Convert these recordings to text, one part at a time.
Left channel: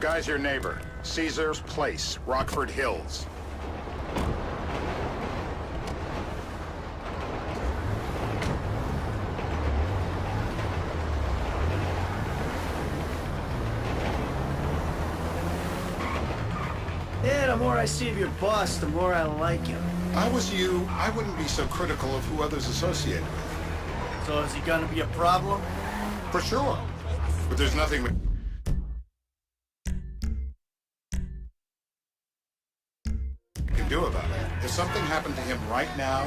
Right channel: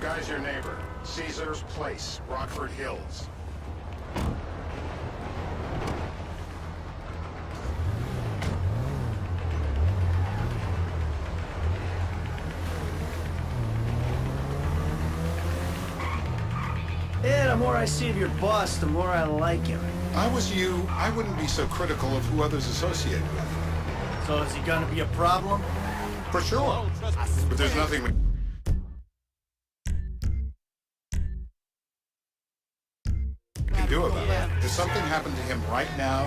guy's your neighbor. Caesar's Place, Rockford Hills. Yeah, the more I see of your boss, the more I like him. If I was you, I wouldn't be so critical of who others associate with. So is he gonna be a problem? For sure. But there's nothing we can do about it. If something happened to him right now,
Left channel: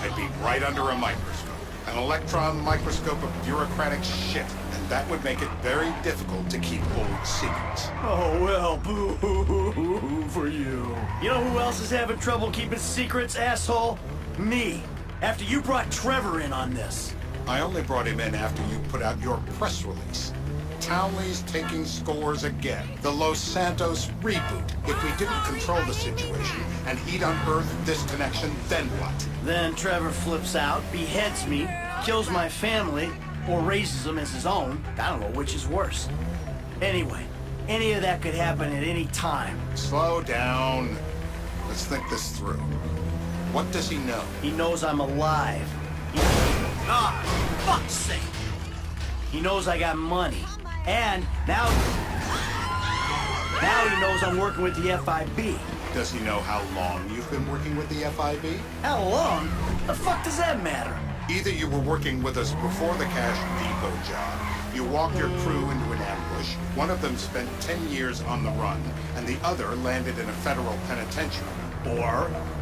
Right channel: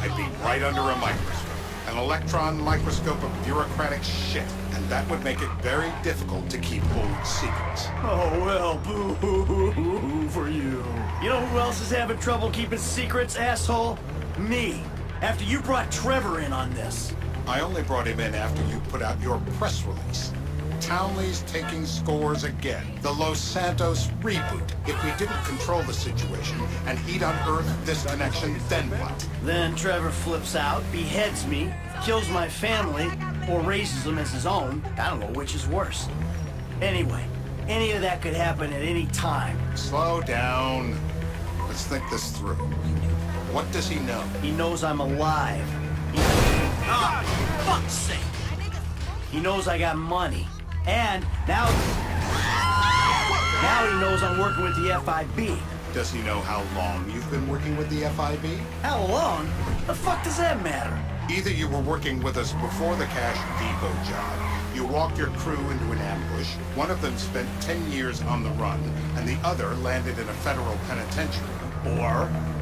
I'd be right under a microscope. An electron microscope of bureaucratic shit. And that would make it very difficult to keep old secrets. Oh, well, boo-hoo-hoo-hoo for you. You know who else is having trouble keeping secrets, asshole? Me. After you brought Trevor in on this. I only brought him in after you put out your press release. Townley's taking scores again. The Los Santos reboot. If we didn't control the situation and he'd unearthed this connection, then what? Then Trevor flips out, beheads me, kills my family, or raises them as his own. I don't know which is worse. Anyway, any of that could happen at any time. Slow down. Let's think this through. What does he know? He knows I'm alive. Fuck's sake! He knows I got money. And now he knows I'm working with the FIB. Does he know how long you've been working with the FIB? How long? The fuck does that matter? Either you were working with us before the Cash Depot job, you walked your crew into an ambush, one of them spent 10 years on the run, and the other landed in a federal penitentiary.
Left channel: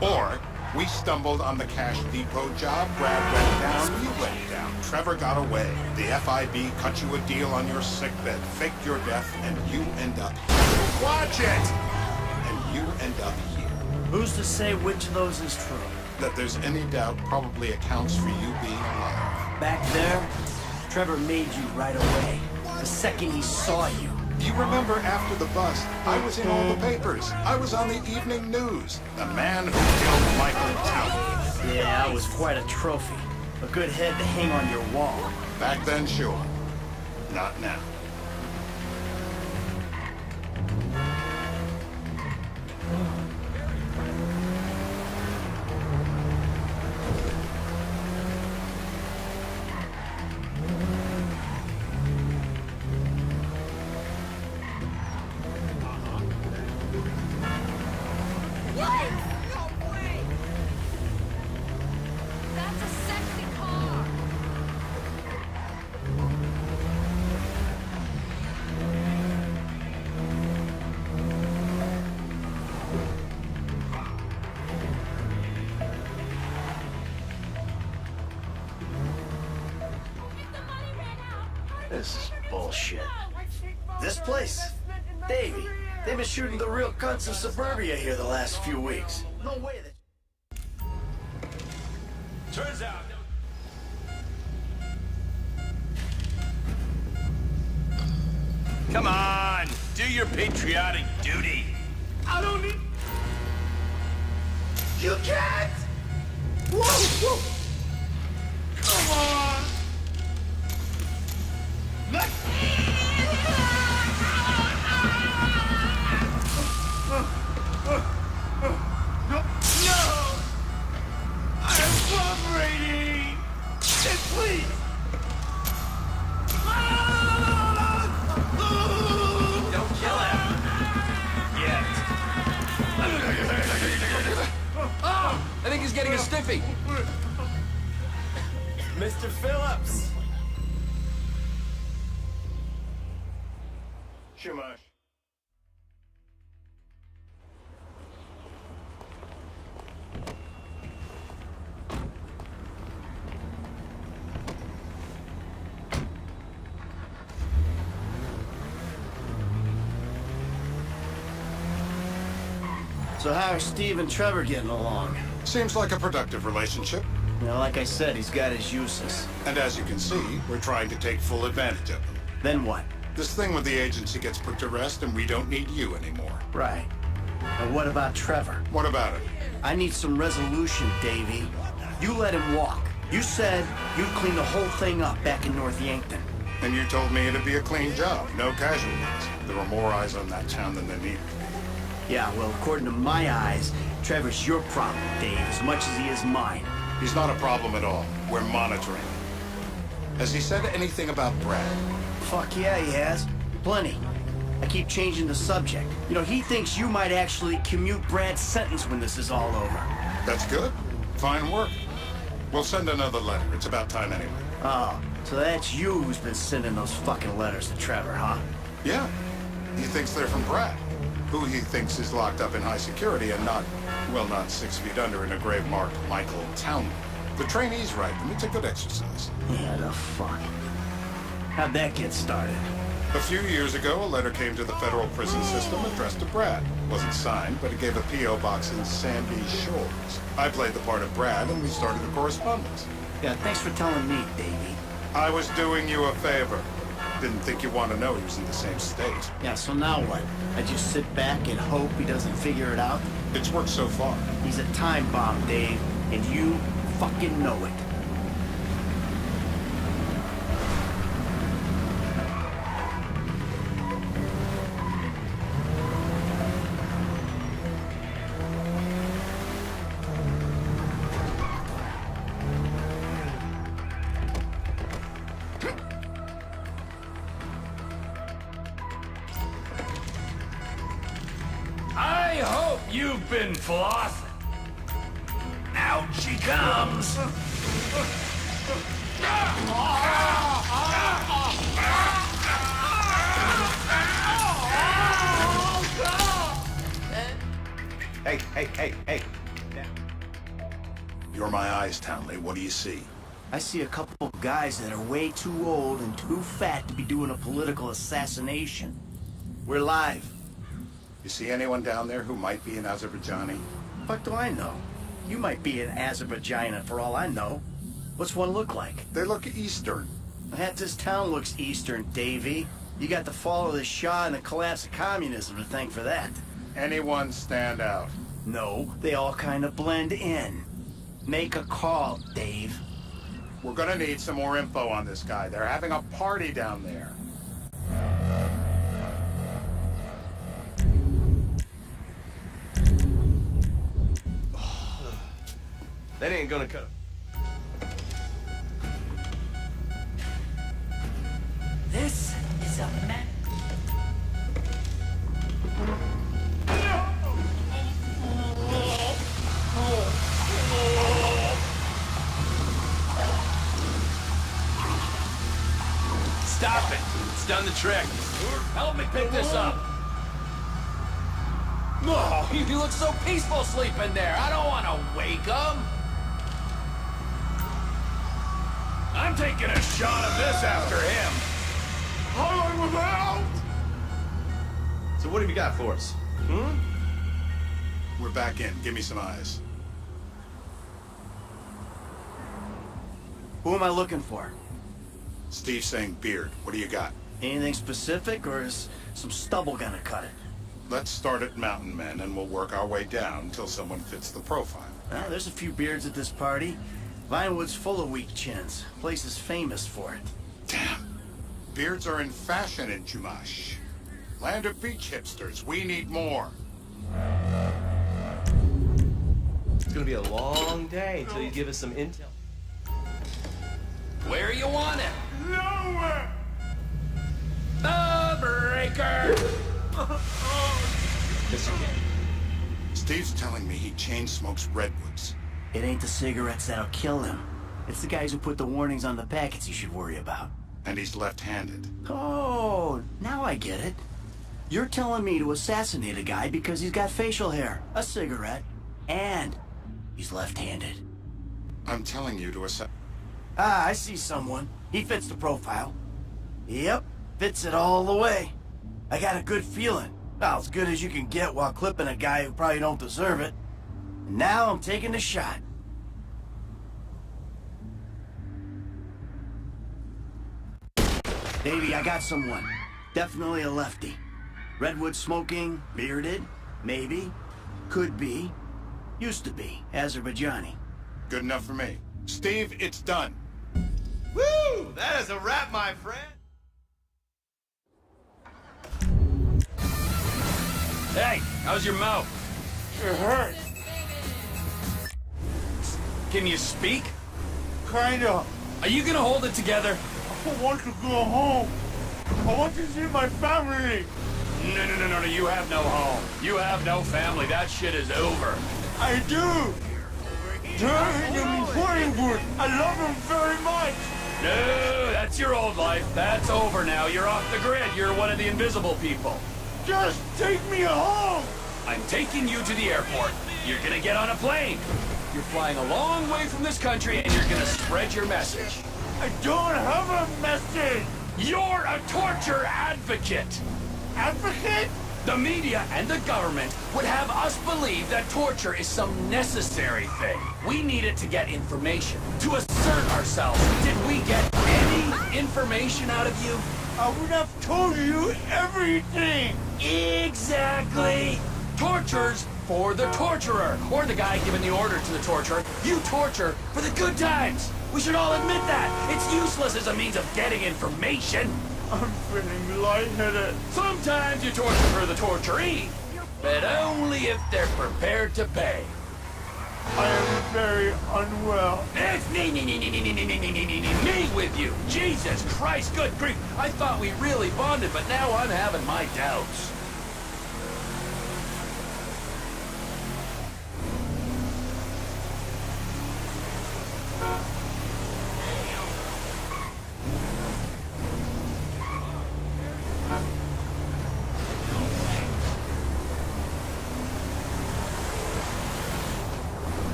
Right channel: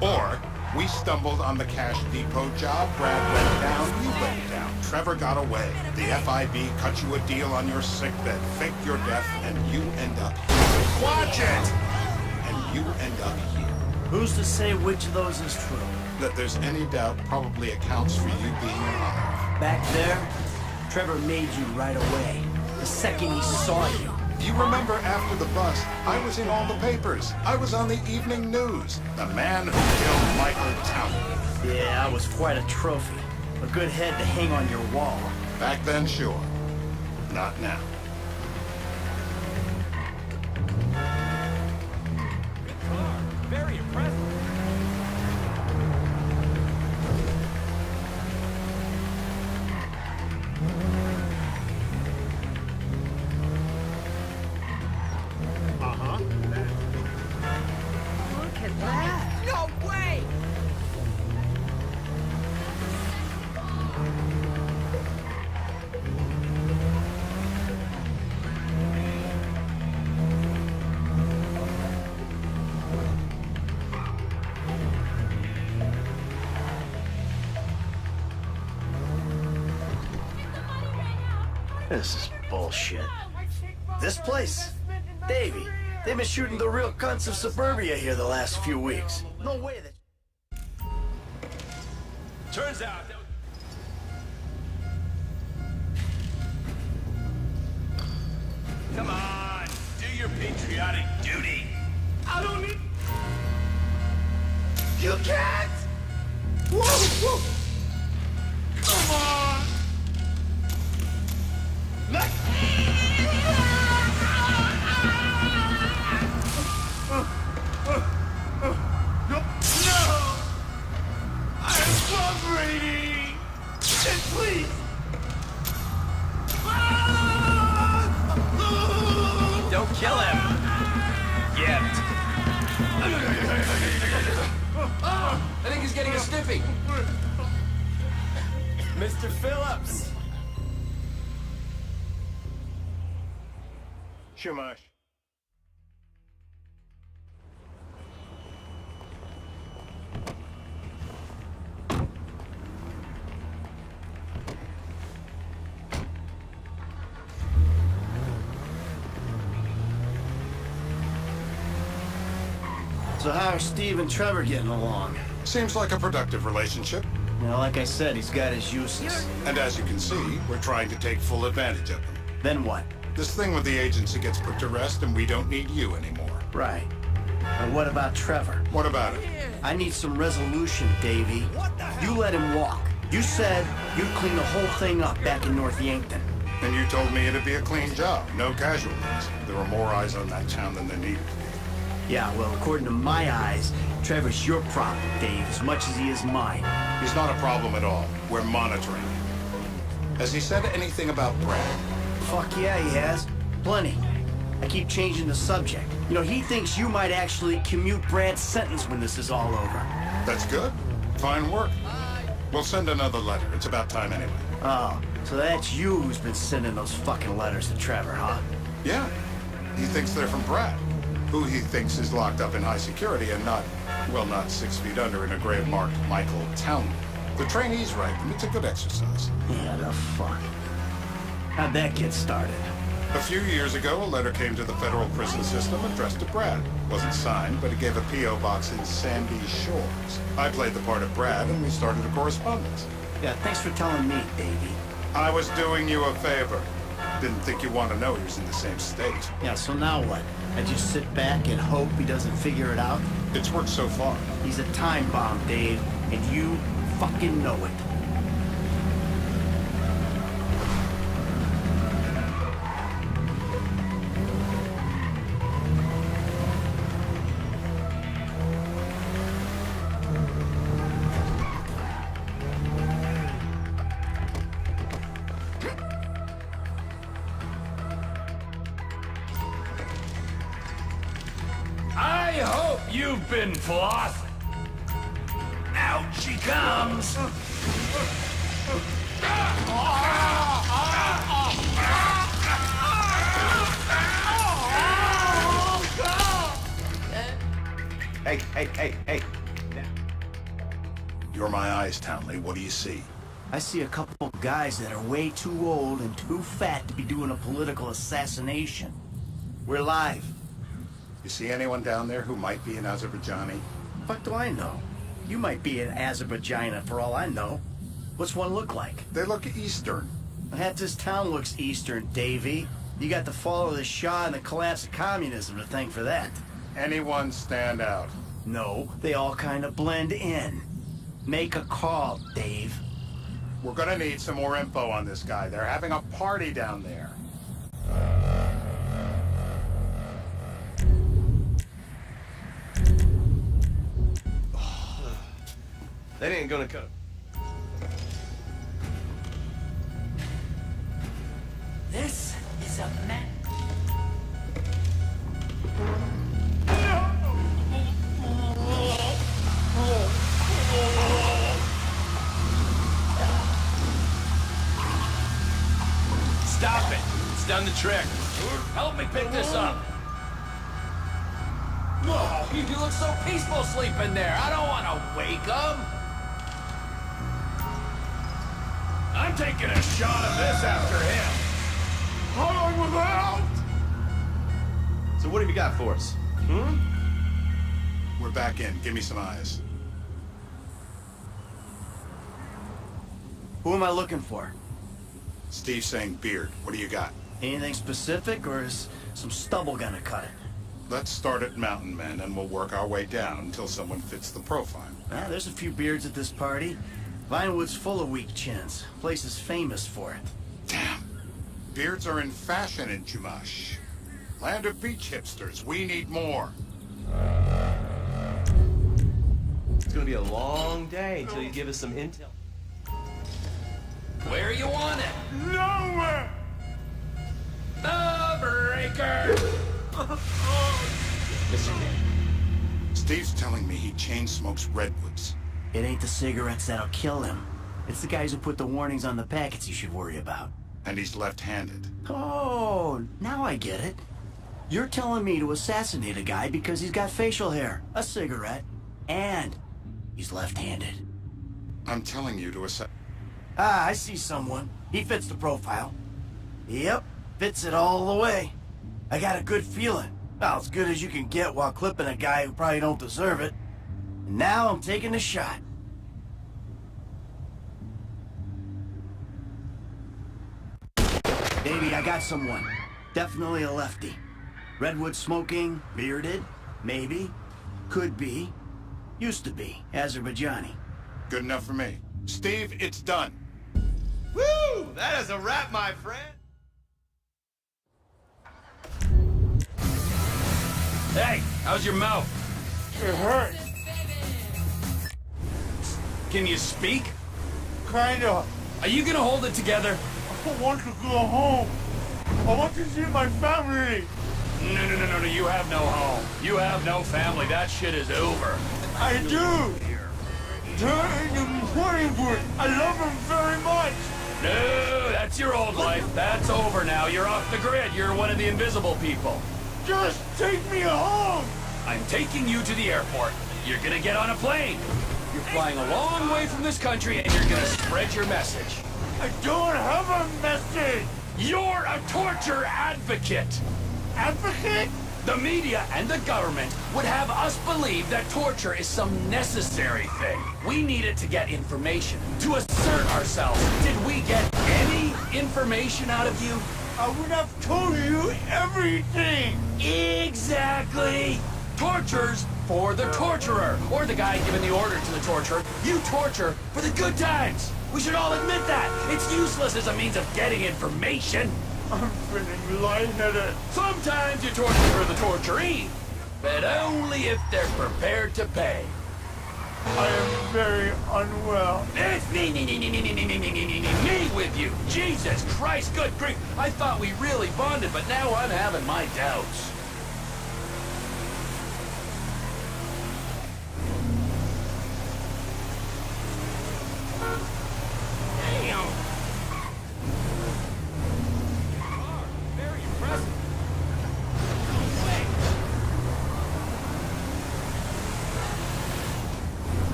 Or we stumbled on the Cash Depot job, Brad went down, you went down. Trevor got away. The FIB cut you a deal on your sickbed, faked your death, and you end up here. Watch it! And you end up here. Who's to say which of those is true? That there's any doubt probably accounts for you being alive. Back there, Trevor made you right away. The second he saw you. You remember after the bust, I was in all the papers. I was on the evening news. The man who killed Michael Townley. Yeah, I was quite a trophy. A good head to hang on your wall. Back then, sure. Not now. This is bullshit. This place? Davey, they've been shooting the real cunts of suburbia here the last few weeks. No way that... Turns out... Come on, do your patriotic duty. I don't need... You can't! Whoa, whoa! Come on! Let... No! I'm cooperating! And please! Don't kill him! Yet. I think he's getting a stiffy. Mr. Phillips! Shumash. So how are Steve and Trevor getting along? Seems like a productive relationship. You know, like I said, he's got his uses. And as you can see, we're trying to take full advantage of them. Then what? This thing with the agency gets put to rest and we don't need you anymore. Right. Now what about Trevor? What about it? I need some resolution, Davey. You let him walk. You said you'd clean the whole thing up back in North Yankton. And you told me it'd be a clean job, no casualties. There were more eyes on that town than there needed. Yeah, well, according to my eyes, Trevor's your problem, Dave, as much as he is mine. He's not a problem at all. We're monitoring him. Has he said anything about Brad? Fuck yeah, he has. Plenty. I keep changing the subject. You know, he thinks you might actually commute Brad's sentence when this is all over. That's good. Fine work. We'll send another letter. It's about time anyway. Oh, so that's you who's been sending those fucking letters to Trevor, huh? Yeah. He thinks they're from Brad, who he thinks is locked up in high security and not 6 feet under in a grave marked Michael Townley. The trainee's right, and it's a good exercise. Yeah, the fuck. How'd that get started? A few years ago, a letter came to the federal prison system addressed to Brad. Wasn't signed, but it gave a P.O. box in Sandy Shores. I played the part of Brad, and we started a correspondence. Yeah, thanks for telling me, Davey. I was doing you a favor. Didn't think you want to know he was in the same state. Yeah, so now what? I just sit back and hope he doesn't figure it out? It's worked so far. He's a time bomb, Dave, and you fucking know it. I hope you've been flossing. Out she comes. Hey. You're my eyes, Townley. What do you see? I see a couple guys that are way too old and too fat to be doing a political assassination. We're live. You see anyone down there who might be an Azerbaijani? Fuck do I know? You might be an Azerbaijani for all I know. What's one look like? They look Eastern. Half this town looks Eastern, Davey. You got the fall of the Shah and the collapse of communism to thank for that. Anyone stand out? No, they all kind of blend in. Make a call, Dave. We're gonna need some more info on this guy. They're having a party down there. That ain't gonna cut. This is a man. Stop it. It's done the trick. Help me pick this up. Oh, you look so peaceful sleeping there. I don't want to wake him. I'm taking a shot of this after him. How without? So what have you got for us? We're back in. Give me some eyes. Who am I looking for? Steve's saying beard. What do you got? Anything specific, or is some stubble gonna cut it? Let's start at Mountain Men, and we'll work our way down until someone fits the profile. There's a few beards at this party. Vinewood's full of weak chins. Place is famous for it. Damn. Beards are in fashion in Chumash. Land of beach hipsters. We need more. It's gonna be a long day until you give us some intel. Where you want it? Nowhere! The breaker! Mr. King. Steve's telling me he chain smokes redwoods. It ain't the cigarettes that'll kill him. It's the guys who put the warnings on the packets you should worry about. And he's left-handed. Oh, now I get it. You're telling me to assassinate a guy because he's got facial hair, a cigarette, and he's left-handed. I'm telling you to assassinate. Ah, I see someone. He fits the profile. Yep, fits it all the way. I got a good feeling. Well, as good as you can get while clipping a guy who probably don't deserve it. And now I'm taking the shot. Davey, I got someone. Definitely a lefty. Redwood smoking, bearded, maybe, could be, used to be, Azerbaijani. Good enough for me. Steve, it's done. Woo! That is a wrap, my friend. How's your mouth? It hurts. Can you speak? Kinda. Are you gonna hold it together? I want to go home. I want to see my family. No, you have no home. You have no family. That shit is over. I do. They're in the recording booth. I love them very much. No, that's your old life. That's over now. You're off the grid. You're one of the invisible people. Just take me home. I'm taking you to the airport. You're gonna get on a plane. You're flying a long way from this country and you're gonna spread your message. I don't have a message. You're a torture advocate. Advocate? The media and the government would have us believe that torture is some necessary thing. We need it to get information, to assert ourselves. Did we get any information out of you? I would have told you everything. Exactly. Torture's for the torturer, or the guy giving the order to the torturer. You torture for the good times. We should all admit that. It's useless as a means of getting information. I'm feeling lightheaded. Sometimes you torture for the torturee, but only if they're prepared to pay. I am very unwell. It's me with you. Jesus Christ, good grief. I thought we really bonded, but now I'm having my doubts.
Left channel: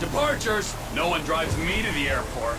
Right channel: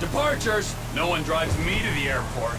Departures. No one drives me to the airport.